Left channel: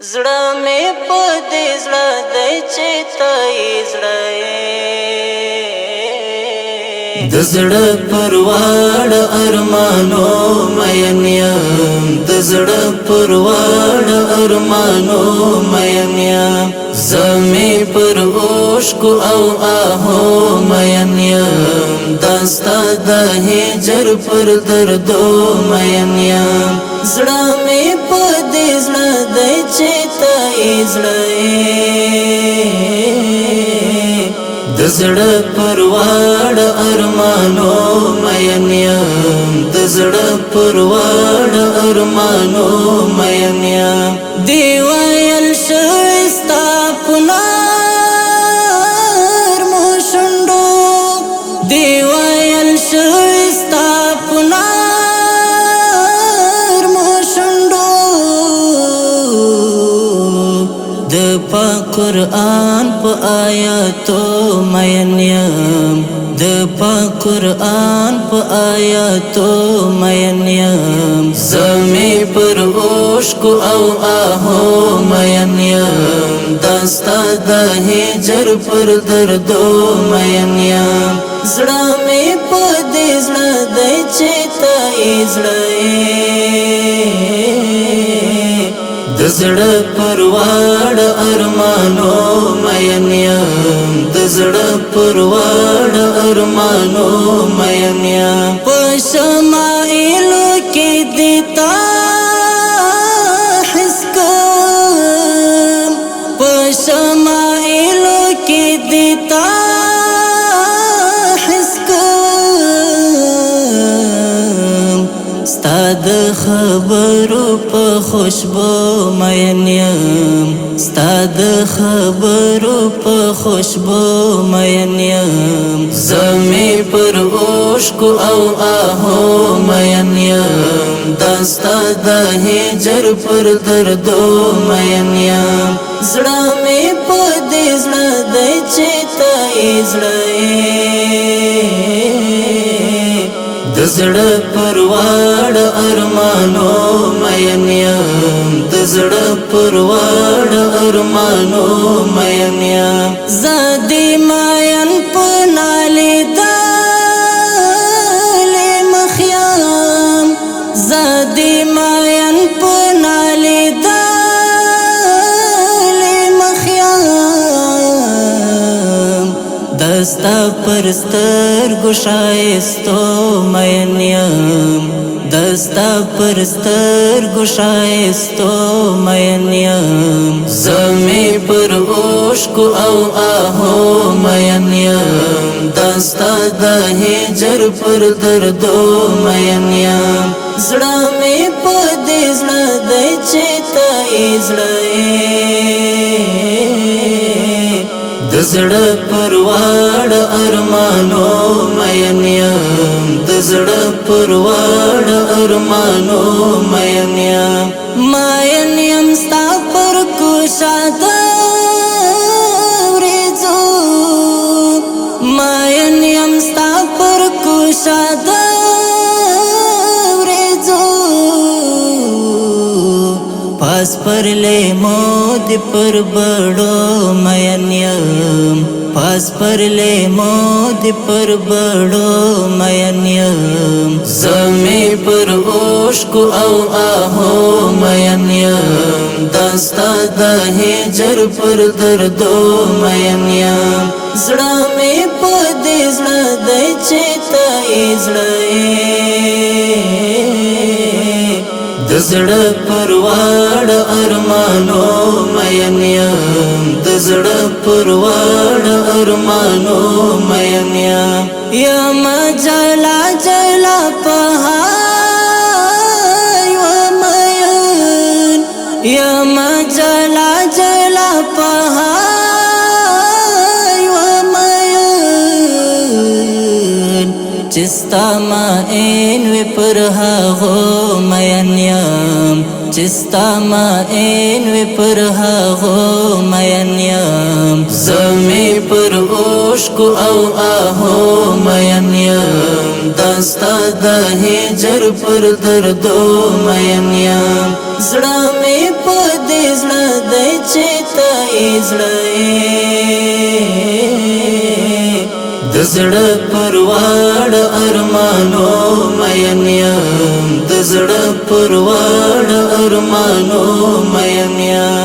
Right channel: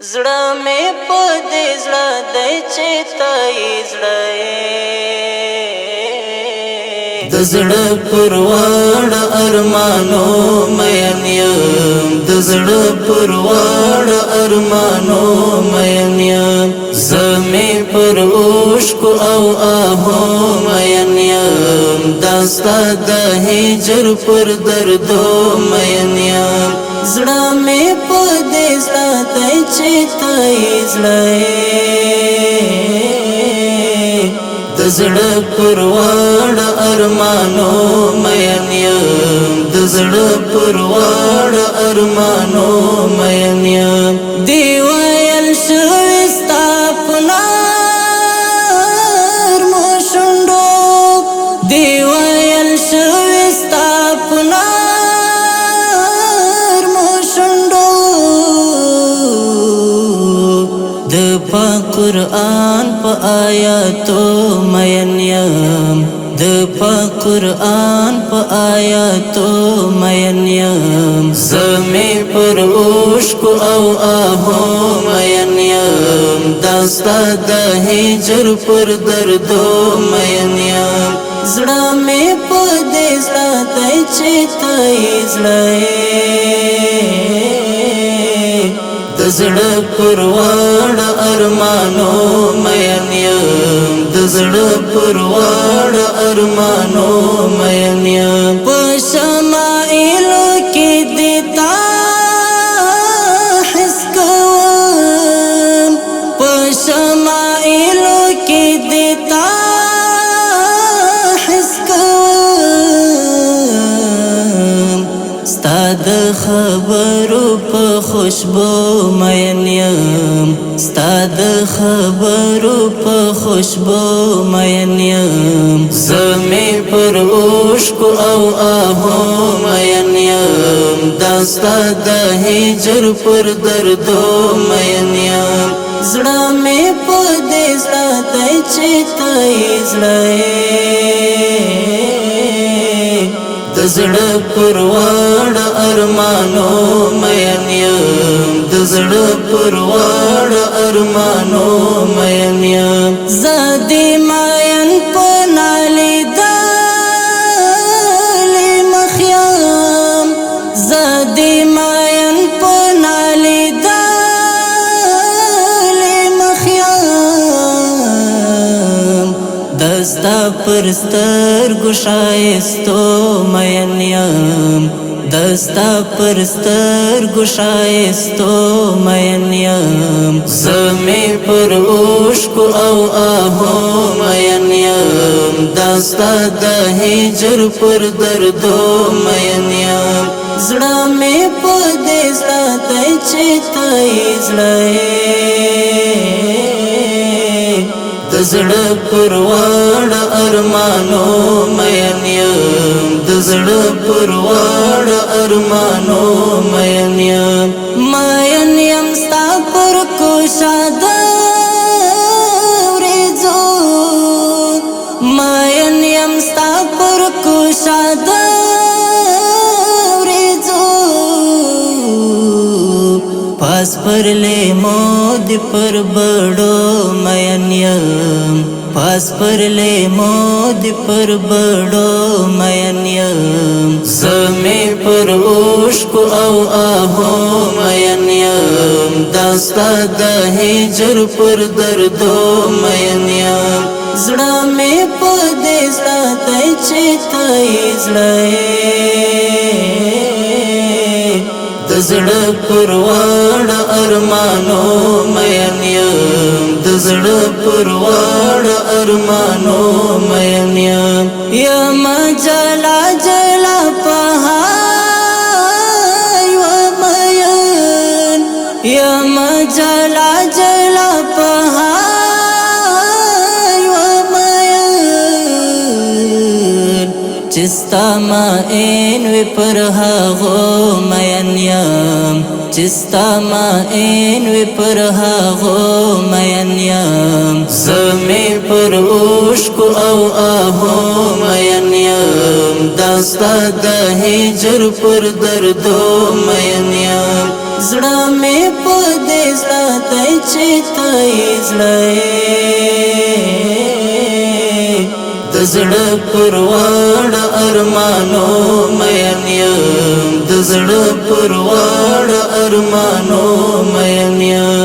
زړه مې په دې زړه دی چې ته یې زړه یې د زړه پرواړ ارمانو مین یم د زړه پرواړ ارمانو مین یم زه مې پر اوښکو او آهو مین یم دا ستا د هجر پر دردو مین یم زړه مې په دې زړه دی چې ته یې زړه یې د زړه پرواړ ارمانو مین یم د زړه پرواړ ارمانو مین یم دی ویل شوي ستا په نرمو شونډو دی ویل شوي ستا په پاک قرآن پا آیاتو مین یم د پاک قرآن پا آیاتو مین یم زمی پر اوښکو او آهو مین یم دا ستا د هجر پر دردو مین یم زړه مې په دې زړه دی چې ته یې زړه یې د زړه پرواړ ارمانو مین یم د زړه پرواړ ارمانو مین یم په شمائلو کې دې تا حس کوم په شمائلو کې دې تا حس کوم ستا د خبرو په خوشبو مین یم ستا د خبرو په خوشبو مین یم زه مې پر اوښکو او آهو مین یم دا ستا د هجر پر دردو مین یم زړه مې په دې زړه دی چې ته یې زړه یې د زړه پرواړ ارمانو مین یم د زړه پرواړ ارمانو مین یم زه دې مین په نالیدلې مخ یم زه دې مین په نالیدلې مخ یم دستا پر سترګو ښایستو مین یم دستا پر سترګو ښایستو مین یم زه مې پر اوښکو او آهو مین یم دا ستا د هجر پر دردو مین یم زړه مې په دې زړه دی چې ته یې زړه یې د زړه پرواړ ارمانو مین یم د زړه پرواړ ارمانو مین یم مین یم ستا پر کوشاده وریځو مین یم ستا پر کوشاده وریځو پاس پر لیمو دی پر بڑو مین یم پاس پر لیمو دی پر بڑو مین یم زه مې پر اوښکو او آهو مین یم دا ستا د هجر پر دردو مین یم زړه مې په دې زړه دی چې ته یې زړه یې د زړه پرواړ ارمانو مین یم د زړه پرواړ ارمانو مین یم یم جلا جلا پهار یم مین یم جلا جلا پهار یم مین چې ستا مین وي پر هغو مین یم چې ستا مین وي پر هغو مین یم زه مې پر اوښکو او آهو مین یم دا ستا د هجر پر دردو مین یم زړه مې په دې زړه د زړه پرواړ ارمانو مین یم د زړه پرواړ ارمانو مین یم